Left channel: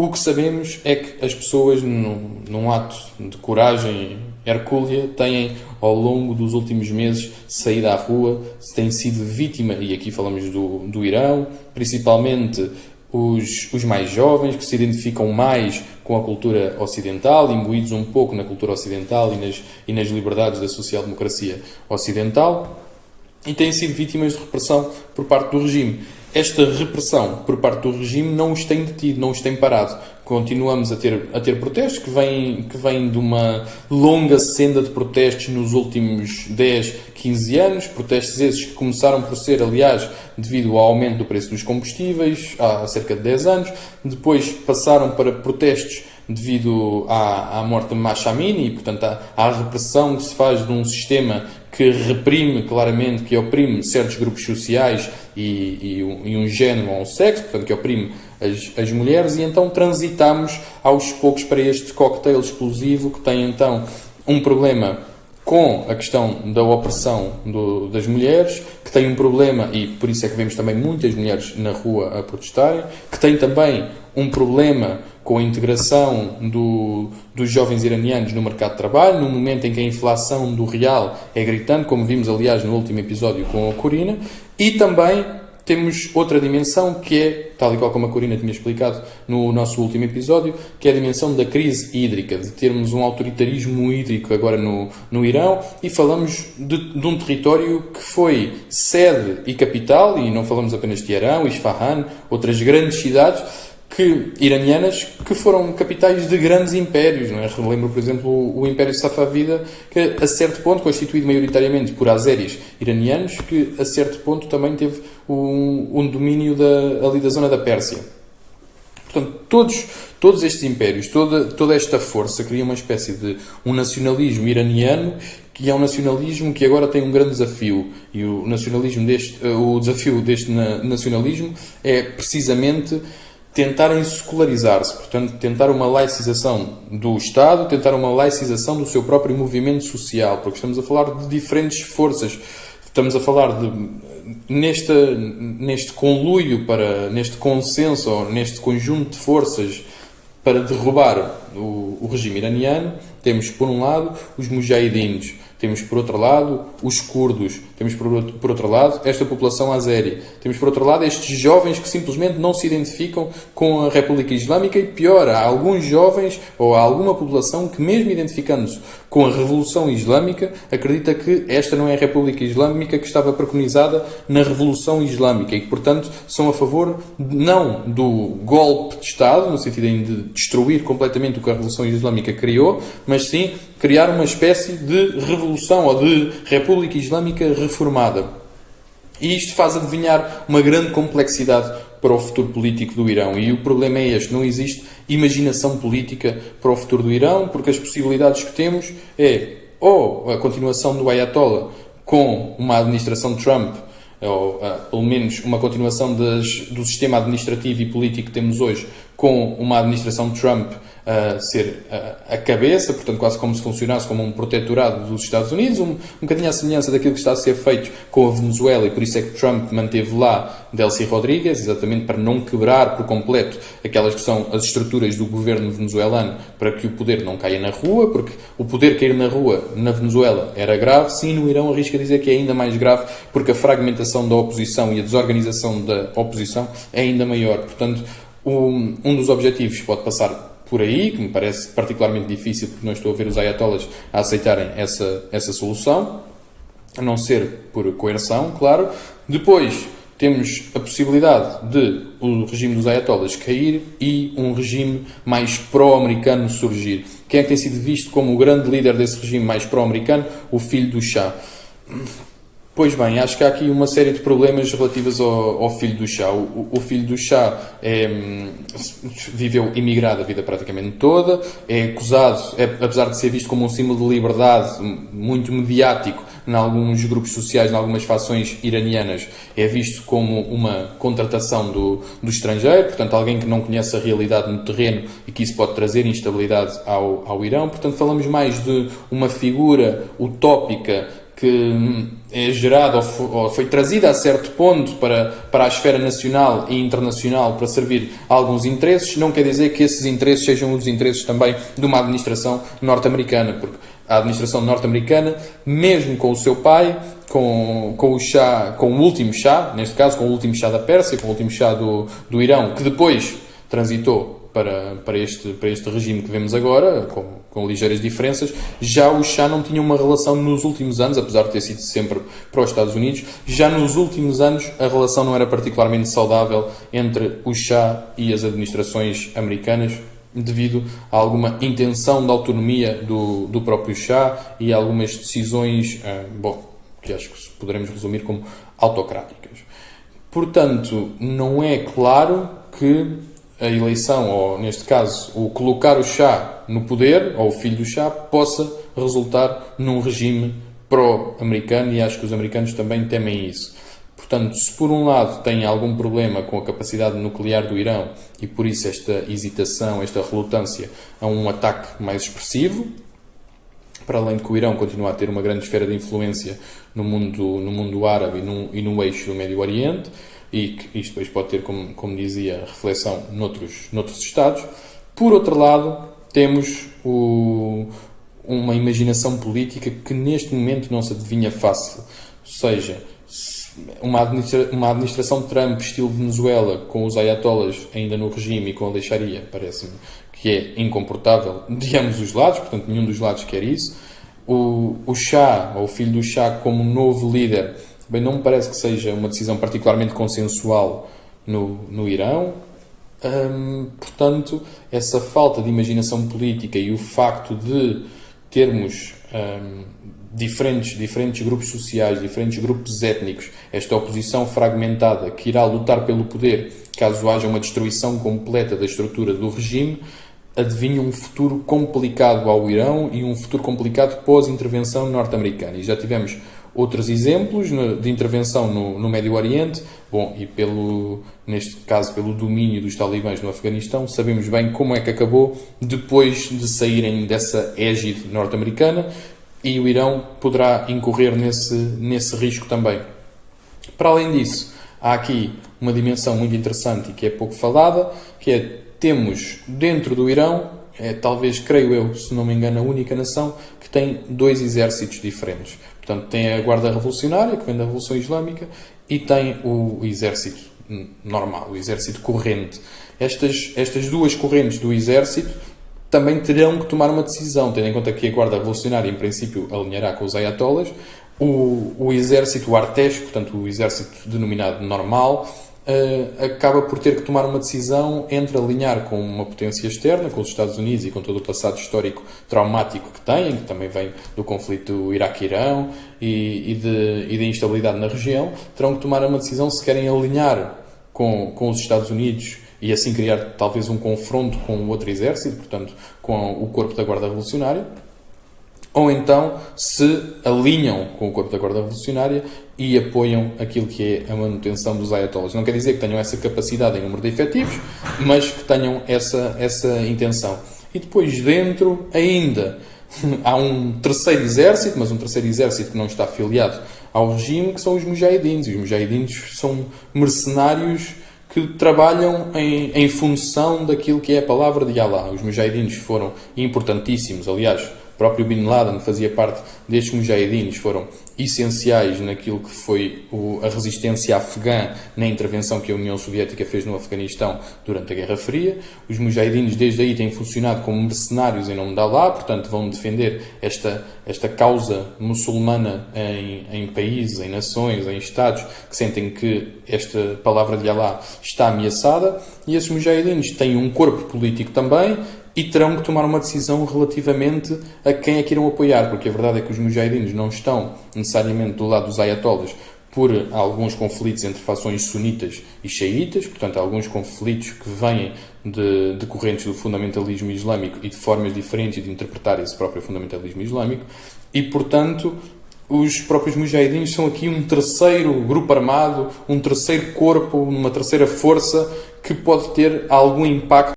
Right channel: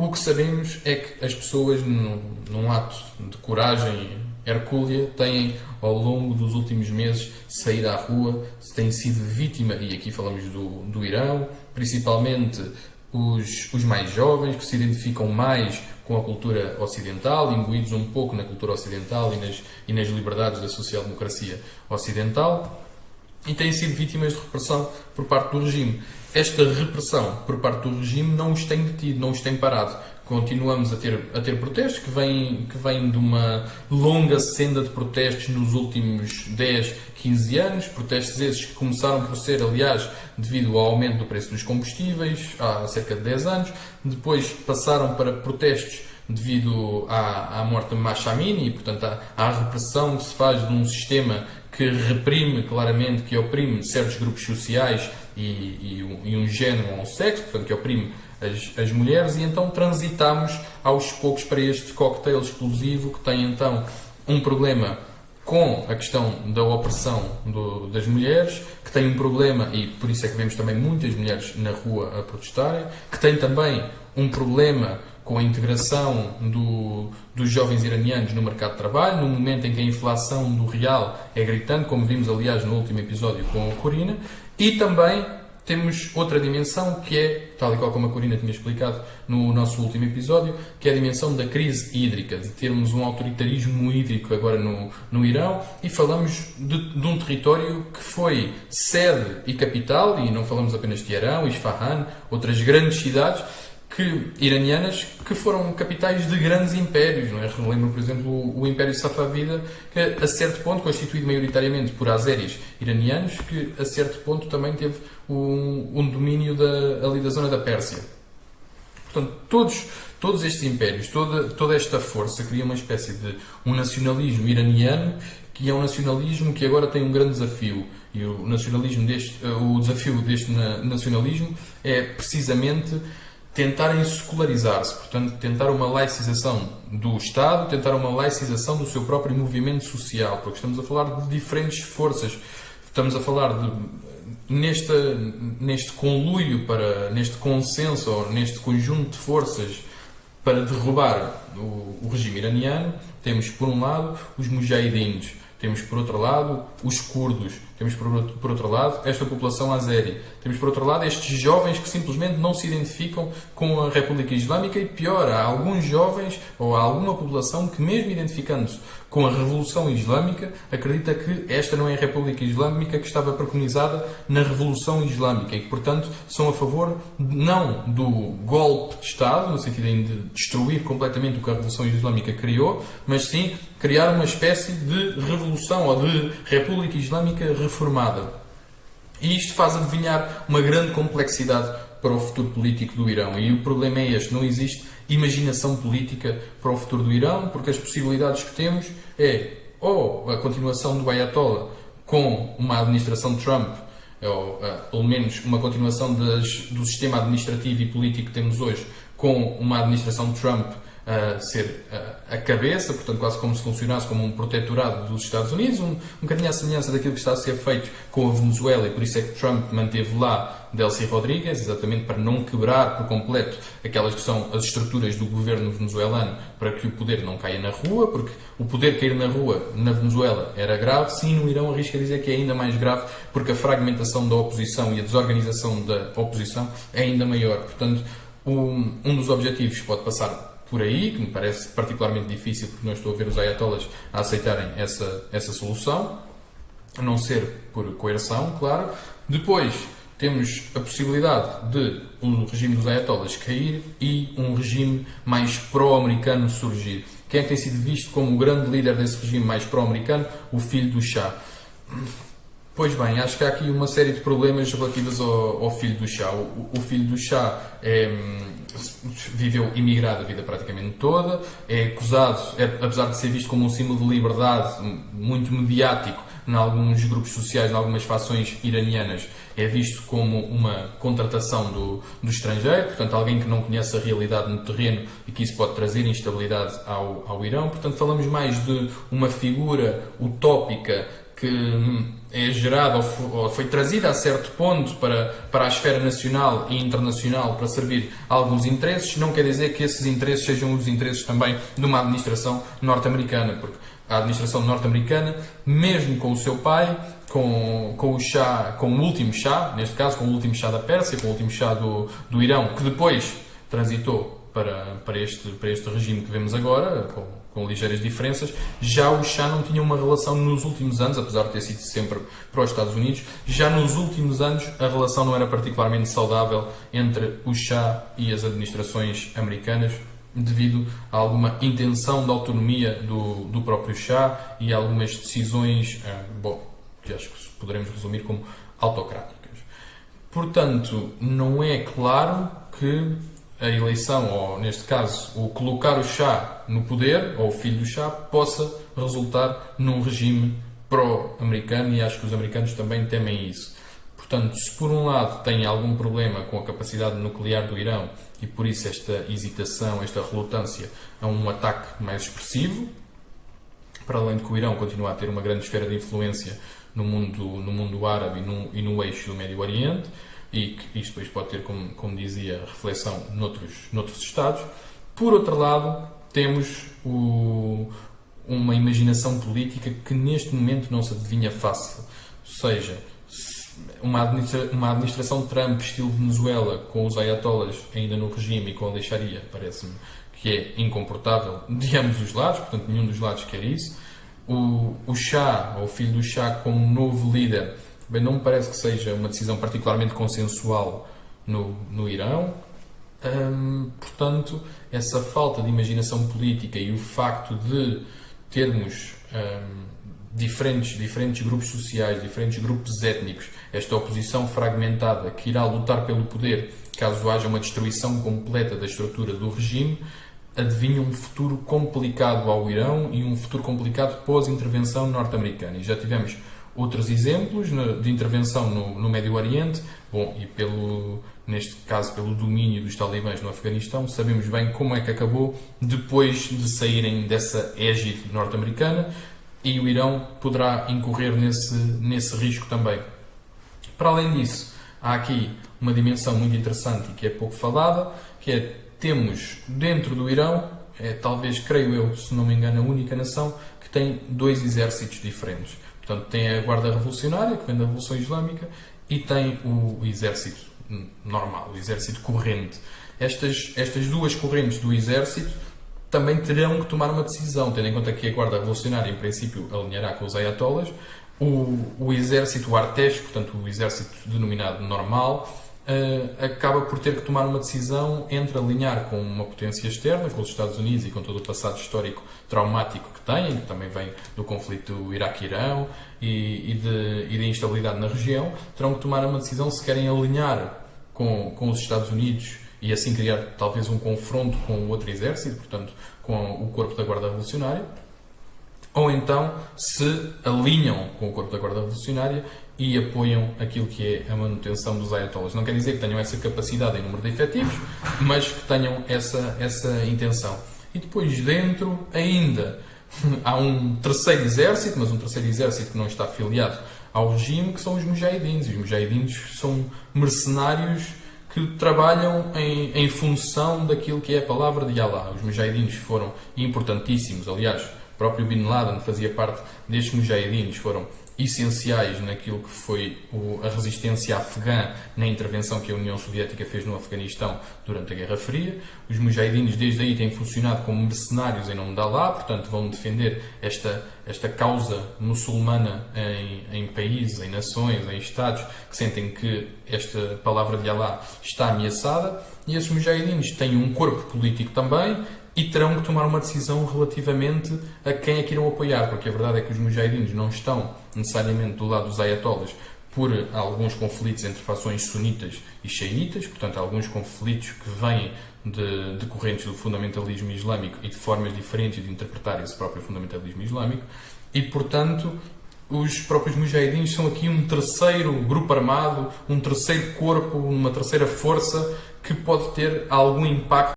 O que sabemos é que as pessoas, num ato de coragem hercúlea, têm, ao longo dos últimos meses, saído à rua, têm sido vítima, e aqui falamos do Irão, principalmente os mais jovens, que se identificam mais com a cultura ocidental, imbuídos um pouco na cultura ocidental e nas liberdades da social-democracia ocidental, e têm sido vítimas de repressão por parte do regime. Esta repressão por parte do regime não os tem detido, não os tem parado. Continuamos a ter protestos que vêm de uma longa senda de protestos nos últimos 10, 15 anos. Protestos esses que começaram por ser, aliás, devido ao aumento do preço dos combustíveis há cerca de 10 anos. Depois passaram para protestos devido à morte de Mahsa Amini e, portanto, à repressão que se faz de um sistema que reprime claramente, que oprime certos grupos sociais e um género ou um sexo, portanto, que oprime as mulheres, e então transitamos aos poucos para este cocktail explosivo que tem então um problema com a questão da opressão das mulheres, que tem um problema, e por isso é que vemos também muitas mulheres na rua a protestarem, que tem também um problema com a integração dos jovens iranianos no mercado de trabalho, no momento em que a inflação do real é gritante, como vimos, aliás, no último episódio com a Corina, e também temos outra dimensão que é, tal e qual como a Corina tinha explicado no nosso último episódio, que é a dimensão da crise hídrica, de termos um autoritarismo hídrico agora no Irão, e falamos de um território que foi sede e capital, e não falamos apenas de Teherão, Isfahan, outras grandes cidades iranianas que foram capitais de grandes impérios, não é? Lembro, por exemplo, o Império Safávida, que a certo ponto, constituído maioritariamente por azeris iranianos, que a certo ponto também teve um domínio ali da zona da Pérsia. Portanto, todos estes impérios, toda esta força cria uma espécie de um nacionalismo iraniano, que é um nacionalismo que agora tem um grande desafio. E o desafio deste nacionalismo é precisamente tentarem secularizar-se, portanto, tentar uma laicização do Estado, tentar uma laicização do seu próprio movimento social, porque estamos a falar de diferentes forças, estamos a falar neste conluio, neste consenso, ou neste conjunto de forças para derrubar o regime iraniano. Temos, por um lado, os mujahidins, temos, por outro lado, os curdos, temos, por outro lado, esta população azeri, temos, por outro lado, estes jovens que simplesmente não se identificam com a República Islâmica, e pior, há alguns jovens ou há alguma população que, mesmo identificando-se com a Revolução Islâmica, acredita que esta não é a República Islâmica que estava preconizada na Revolução Islâmica e que, portanto, são a favor não do golpe de Estado, no sentido de destruir completamente o que a Revolução Islâmica criou, mas sim criar uma espécie de revolução ou de República Islâmica reformada. E isto faz adivinhar uma grande complexidade para o futuro político do Irão. E o problema é este: não existe imaginação política para o futuro do Irão, porque as possibilidades que temos é ou a continuação do Ayatollah com uma administração de Trump, ou pelo menos uma continuação do sistema administrativo e político que temos hoje, com uma administração de Trump a ser a cabeça, portanto quase como se funcionasse como um protetorado dos Estados Unidos, um bocadinho à semelhança daquilo que está a ser feito com a Venezuela, e por isso é que Trump manteve lá Delcy Rodrigues, exatamente para não quebrar por completo aquelas que são as estruturas do governo venezuelano, para que o poder não caia na rua, porque o poder cair na rua na Venezuela era grave. Sim, no Irão arrisca dizer que é ainda mais grave, porque a fragmentação da oposição e a desorganização da oposição é ainda maior. Portanto, um dos objetivos pode passar por aí, que me parece particularmente difícil, porque não estou a ver os ayatollahs a aceitarem essa solução, a não ser por coerção, claro. Depois temos a possibilidade de o regime dos ayatollahs cair e um regime mais pró-americano surgir. Quem é que tem sido visto como o grande líder desse regime mais pró-americano? O filho do Shah. Pois bem, acho que há aqui uma série de problemas relativos ao filho do Shah. O filho do Shah viveu imigrado a vida praticamente toda, é acusado, apesar de ser visto como um símbolo de liberdade muito mediático em alguns grupos sociais, em algumas fações iranianas, é visto como uma contratação do estrangeiro, portanto alguém que não conhece a realidade no terreno e que isso pode trazer instabilidade ao Irão. Portanto falamos mais de uma figura utópica que é gerada ou foi trazida a certo ponto para a esfera nacional e internacional para servir a alguns interesses, não quer dizer que esses interesses sejam os interesses também de uma administração norte-americana, porque a administração norte-americana, mesmo com o seu pai, com o Shah, com o último Shah, neste caso com o último Shah da Pérsia, com o último Shah do Irão, que depois transitou para este regime que vemos agora, com ligeiras diferenças. Já o Shah não tinha uma relação nos últimos anos, apesar de ter sido sempre para os Estados Unidos, já nos últimos anos a relação não era particularmente saudável entre o Shah e as administrações americanas, devido a alguma intenção de autonomia do próprio Shah e a algumas decisões, que acho que poderemos resumir como autocráticas. Portanto, não é claro que a eleição, ou neste caso, o colocar o Shah no poder, ou o filho do Shah, possa resultar num regime pró-americano, e acho que os americanos também temem isso. Portanto, se por um lado tem algum problema com a capacidade nuclear do Irão, e por isso esta hesitação, esta relutância a um ataque mais expressivo, para além de que o Irão continua a ter uma grande esfera de influência no mundo árabe e no eixo do Médio Oriente, e que isto depois pode ter, como dizia, reflexão noutros Estados. Por outro lado, temos uma imaginação política que neste momento não se adivinha fácil. Ou seja, uma administração Trump, estilo Venezuela, com os ayatollahs ainda no regime e com a leixaria, parece-me que é incomportável de ambos os lados, portanto nenhum dos lados quer isso. O Shah, ou o filho do Shah, como novo líder, bem, não me parece que seja uma decisão particularmente consensual no Irão. Portanto, essa falta de imaginação política e o facto de termos diferentes grupos sociais, diferentes grupos étnicos, esta oposição fragmentada que irá lutar pelo poder caso haja uma destruição completa da estrutura do regime, adivinha um futuro complicado ao Irão e um futuro complicado pós-intervenção norte-americana. E já tivemos outros exemplos de intervenção no Médio Oriente, e neste caso pelo domínio dos talibãs no Afeganistão, sabemos bem como é que acabou depois de saírem dessa égide norte-americana, e o Irão poderá incorrer nesse risco também. Para além disso, há aqui uma dimensão muito interessante e que é pouco falada, que é, temos dentro do Irão, talvez, creio eu, se não me engano, a única nação que tem dois exércitos diferentes. Portanto, tem a Guarda Revolucionária, que vem da Revolução Islâmica, e tem o exército normal, o exército corrente. Estas duas correntes do exército também terão que tomar uma decisão, tendo em conta que a Guarda Revolucionária, em princípio, alinhará com os ayatollahs. O exército artesco, portanto, o exército denominado normal, acaba por ter que tomar uma decisão entre alinhar com uma potência externa, com os Estados Unidos e com todo o passado histórico traumático que têm, que também vem do conflito Iraque-Irão e de instabilidade na região. Terão que tomar uma decisão se querem alinhar com os Estados Unidos e assim criar talvez um confronto com o outro exército, portanto, com o corpo da Guarda Revolucionária, ou então se alinham com o corpo da Guarda Revolucionária e apoiam aquilo que é a manutenção dos ayatollahs. Não quer dizer que tenham essa capacidade em número de efetivos, mas que tenham essa intenção. E depois dentro ainda há um terceiro exército, mas um terceiro exército que não está afiliado ao regime, que são os mujahidins. E os mujahidins são mercenários que trabalham em função daquilo que é a palavra de Allah. Os mujahidins foram importantíssimos, aliás, o próprio Bin Laden fazia parte destes mujahidins, foram essenciais naquilo que foi a resistência afegã na intervenção que a União Soviética fez no Afeganistão durante a Guerra Fria. Os mujahidins desde aí têm funcionado como mercenários em nome de Allah, portanto vão defender esta causa muçulmana em países, em nações, em estados que sentem que esta palavra de Allah está ameaçada, e esses mujahidins têm um corpo político também e terão que tomar uma decisão relativamente a quem é que irão apoiar, porque a verdade é que os mujahidins não estão necessariamente do lado dos ayatollahs por alguns conflitos entre fações sunitas e xiitas, portanto alguns conflitos que vêm de correntes do fundamentalismo islâmico e de formas diferentes de interpretar esse próprio fundamentalismo islâmico, e portanto os próprios mujahidins são aqui um terceiro grupo armado, um terceiro corpo, uma terceira força que pode ter algum impacto